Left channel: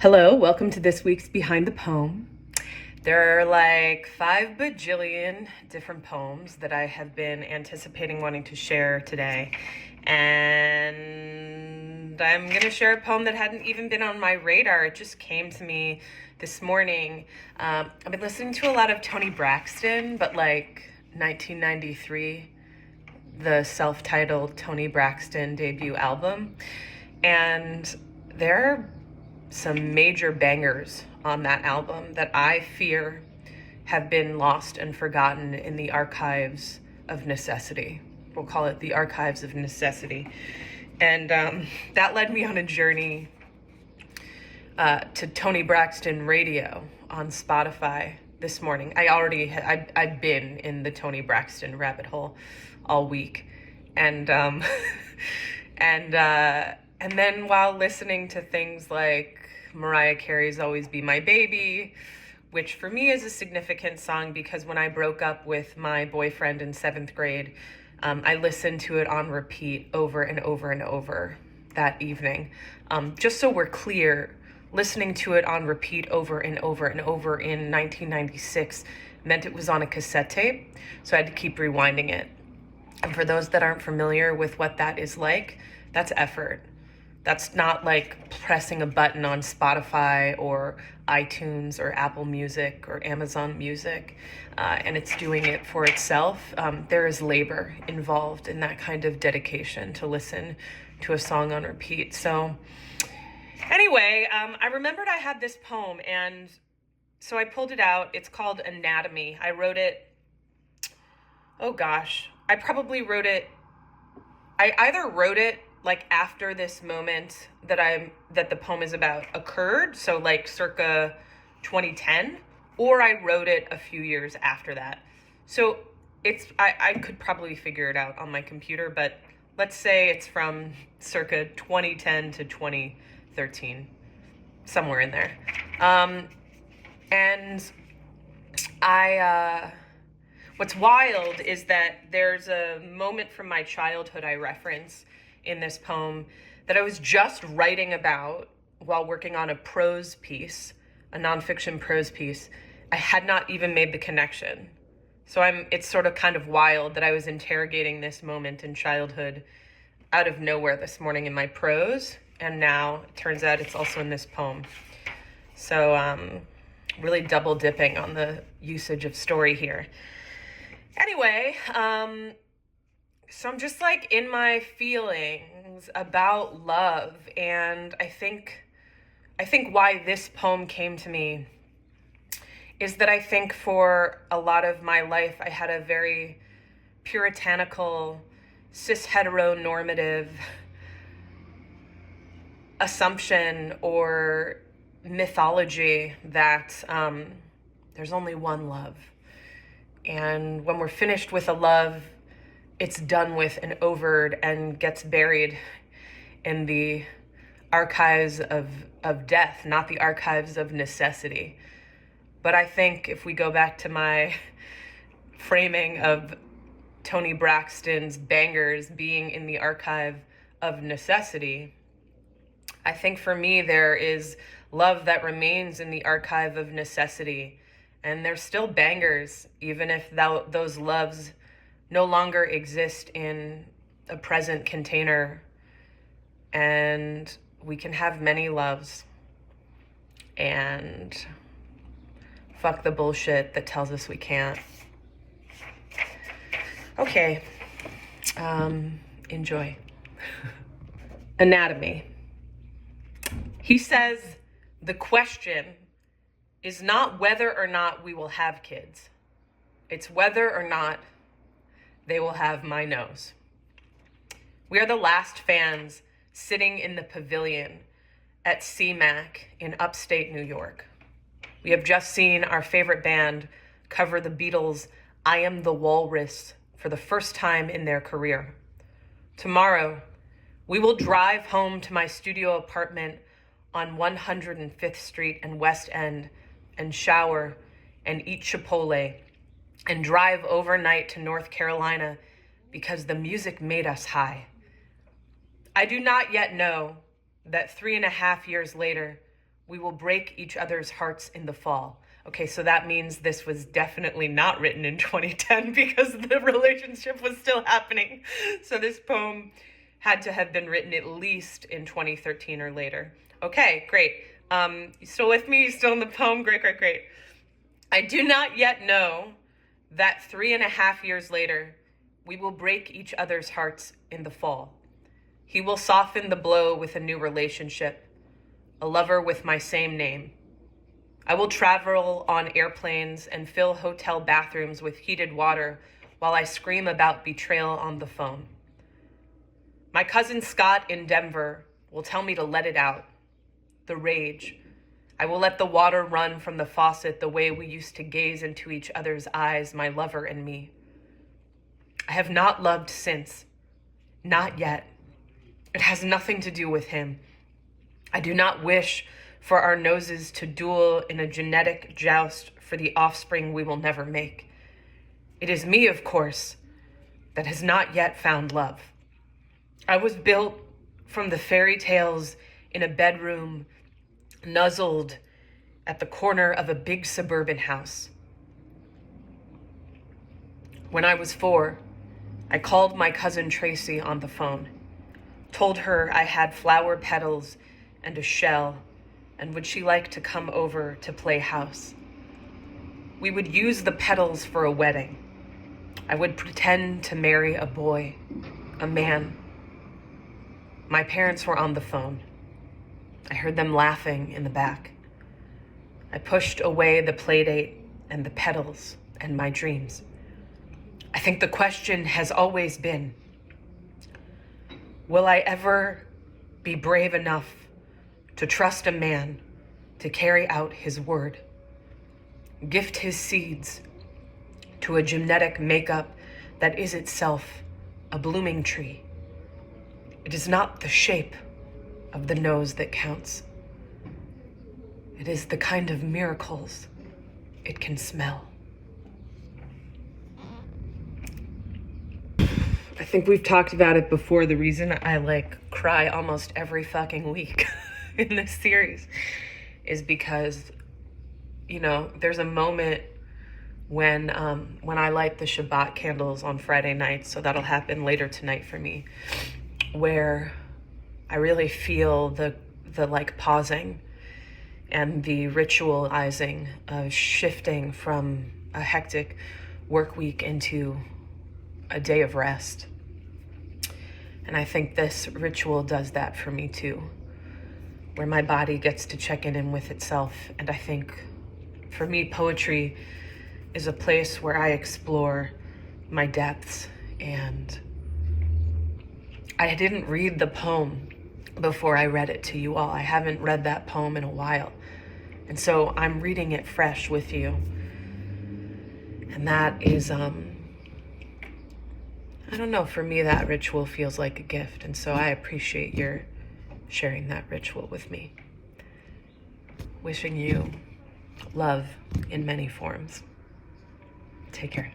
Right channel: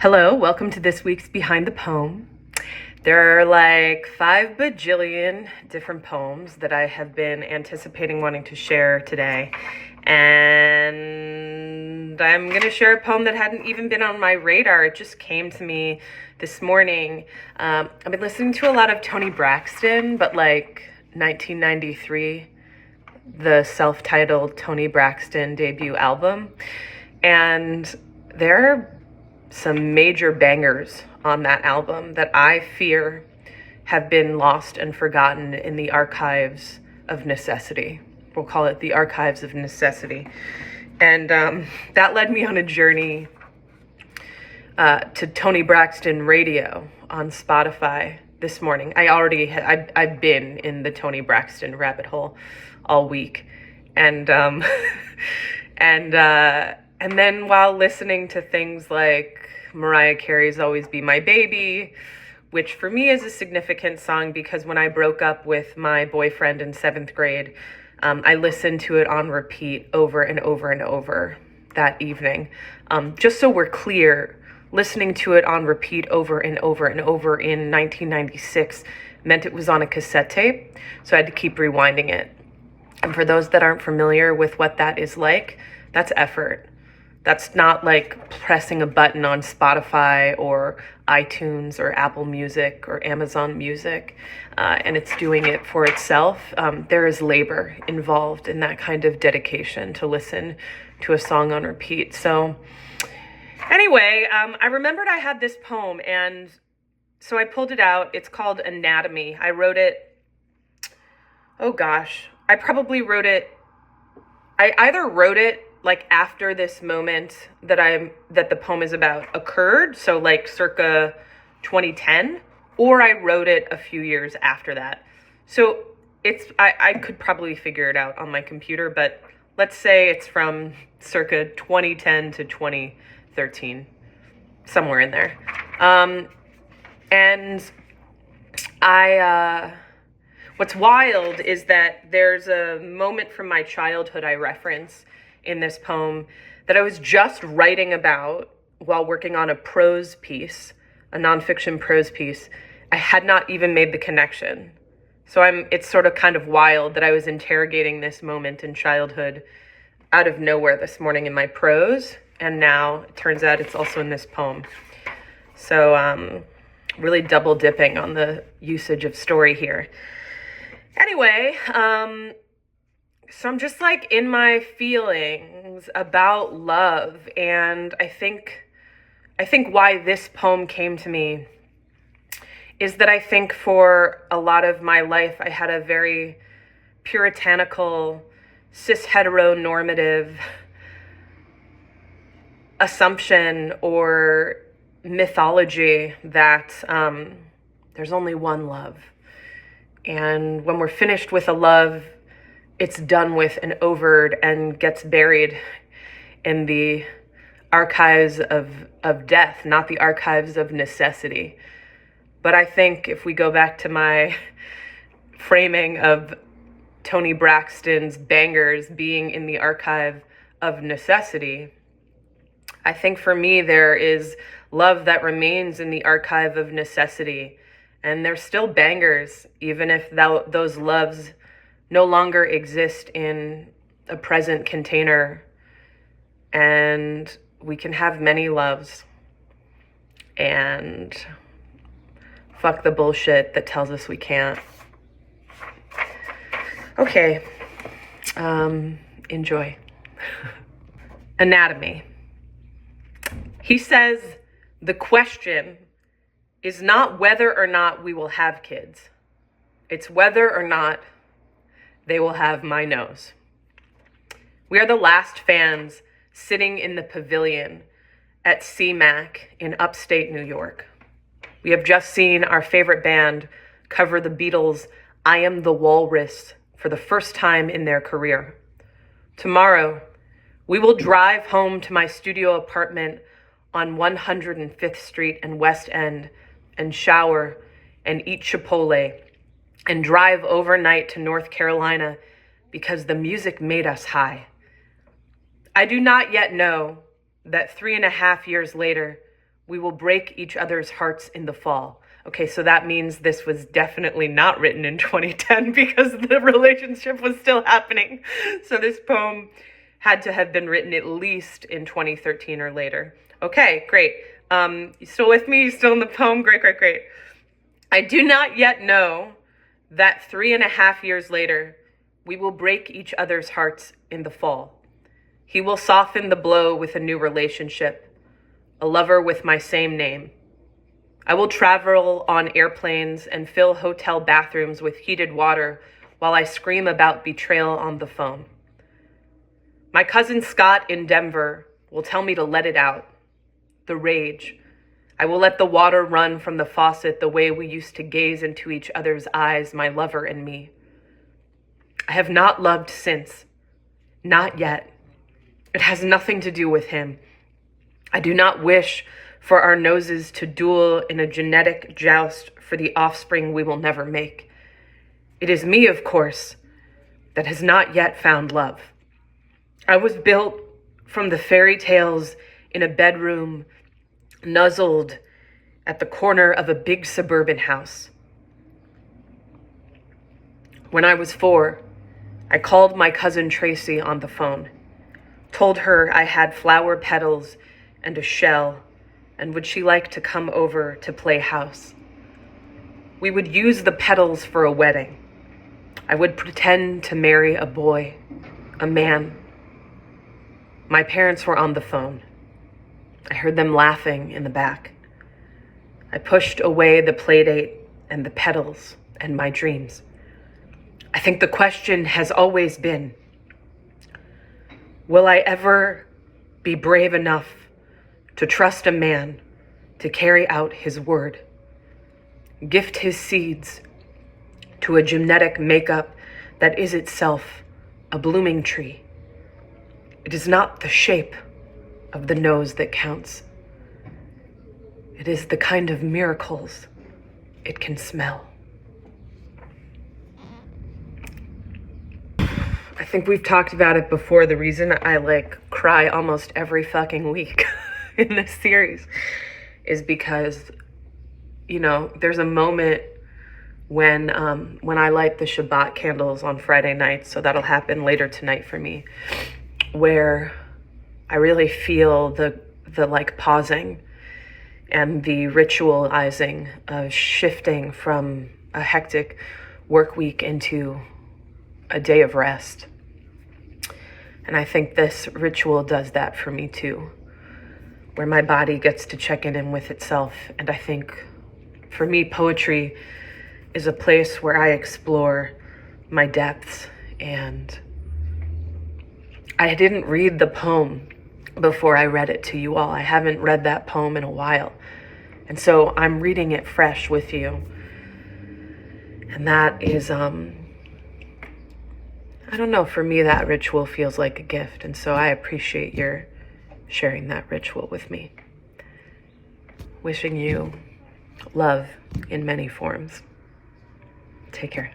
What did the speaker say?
Hello, welcome to this week's Behind the Poem. There are like 5 bajillion different poems that I have been anticipating wanting to share today. And I'm going to share a poem that hadn't even been on my radar. It just came to me this morning. I've been listening to a lot of Toni Braxton, but like 1993, the self-titled Toni Braxton debut album. And there are some major bangers on that album that I fear have been lost and forgotten in the archives of necessity. We'll call it the archives of necessity. And that led me on a journey to Toni Braxton radio on Spotify this morning. I've been in the Toni Braxton rabbit hole all week. And and then while listening to things like Mariah Carey's Always Be My Baby, which for me is a significant song because when I broke up with my boyfriend in 7th grade, I listened to it on repeat over and over and over that evening. Just so we're clear, listening to it on repeat over and over and over in 1996 meant it was on a cassette tape, so I had to keep rewinding it. And for those that aren't familiar with what that is like, that's effort. That's not like pressing a button on Spotify or iTunes or Apple Music or Amazon Music, and it's doing it for itself. There is labor involved in that kind of dedication to listen to a song on repeat. So anyway, I remembered I had this poem, and so I pulled it out. It's called Anatomy. I wrote it, oh gosh, I either wrote it like after this moment that the poem is about occurred, so like circa 2010, or I wrote it a few years after that. So I could probably figure it out on my computer, but let's say it's from circa 2010 to 2013, somewhere in there. And what's wild is that there's a moment from my childhood I reference in this poem that I was just writing about while working on a prose piece, a nonfiction prose piece. I had not even made the connection. So it's sort of kind of wild that I was interrogating this moment in childhood out of nowhere this morning in my prose, and now it turns out it's also in this poem. So really double dipping on the usage of story here. Anyway, so I'm just like in my feelings about love, and I think why this poem came to me is that I think for a lot of my life I had a very puritanical, cis heteronormative assumption or mythology that there's only one love. And when we're finished with a love, it's done with and overed and gets buried in the archives of death, not the archives of necessity. But I think if we go back to my framing of Toni Braxton's bangers being in the archive of necessity, I think for me there is love that remains in the archive of necessity. And they're still bangers, even if those loves no longer exist in a present container. And we can have many loves. And fuck the bullshit that tells us we can't. Okay, enjoy. Anatomy. He says, the question is not whether or not we will have kids. It's whether or not they will have my nose. We are the last fans sitting in the pavilion at CMAC in upstate New York. We have just seen our favorite band cover the Beatles' I Am the Walrus for the first time in their career. Tomorrow, we will drive home to my studio apartment on 105th Street and West End and shower and eat Chipotle and drive overnight to North Carolina because the music made us high. I do not yet know that 3.5 years later, We will break each other's hearts in the fall. Okay, so that means this was definitely not written in 2010 because the relationship was still happening. So this poem had to have been written at least in 2013 or later. Okay, great. You still with me? You still in the poem? Great, great, great. I do not yet know that 3.5 years later, we will break each other's hearts in the fall. He will soften the blow with a new relationship, a lover with my same name. I will travel on airplanes and fill hotel bathrooms with heated water while I scream about betrayal on the phone. My cousin Scott in Denver will tell me to let it out, the rage. I will let the water run from the faucet the way we used to gaze into each other's eyes, my lover and me. I have not loved since, not yet. It has nothing to do with him. I do not wish for our noses to duel in a genetic joust for the offspring we will never make. It is me, of course, that has not yet found love. I was built from the fairy tales in a bedroom, nuzzled at the corner of a big suburban house. When I was 4, I called my cousin Tracy on the phone, told her I had flower petals and a shell, and would she like to come over to play house? We would use the petals for a wedding. I would pretend to marry a boy, a man. My parents were on the phone. I heard them laughing in the back. I pushed away the playdate and the petals and my dreams. I think the question has always been, will I ever be brave enough to trust a man to carry out his word, gift his seeds to a genetic makeup that is itself a blooming tree? It is not the shape of the nose that counts. It is the kind of miracles it can smell. I think we've talked about it before. The reason I cry almost every fucking week in this series is because, there's a moment when I light the Shabbat candles on Friday nights, so that'll happen later tonight for me, where I really feel the pausing and the ritualizing of shifting from a hectic work week into a day of rest. And I think this ritual does that for me too, where my body gets to check in with itself. And I think for me, poetry is a place where I explore my depths. And I didn't read the poem before I read it to you all. I haven't read that poem in a while. And so I'm reading it fresh with you. And that is, I don't know, for me, that ritual feels like a gift. And so I appreciate your sharing that ritual with me. Wishing you love in many forms. Take care.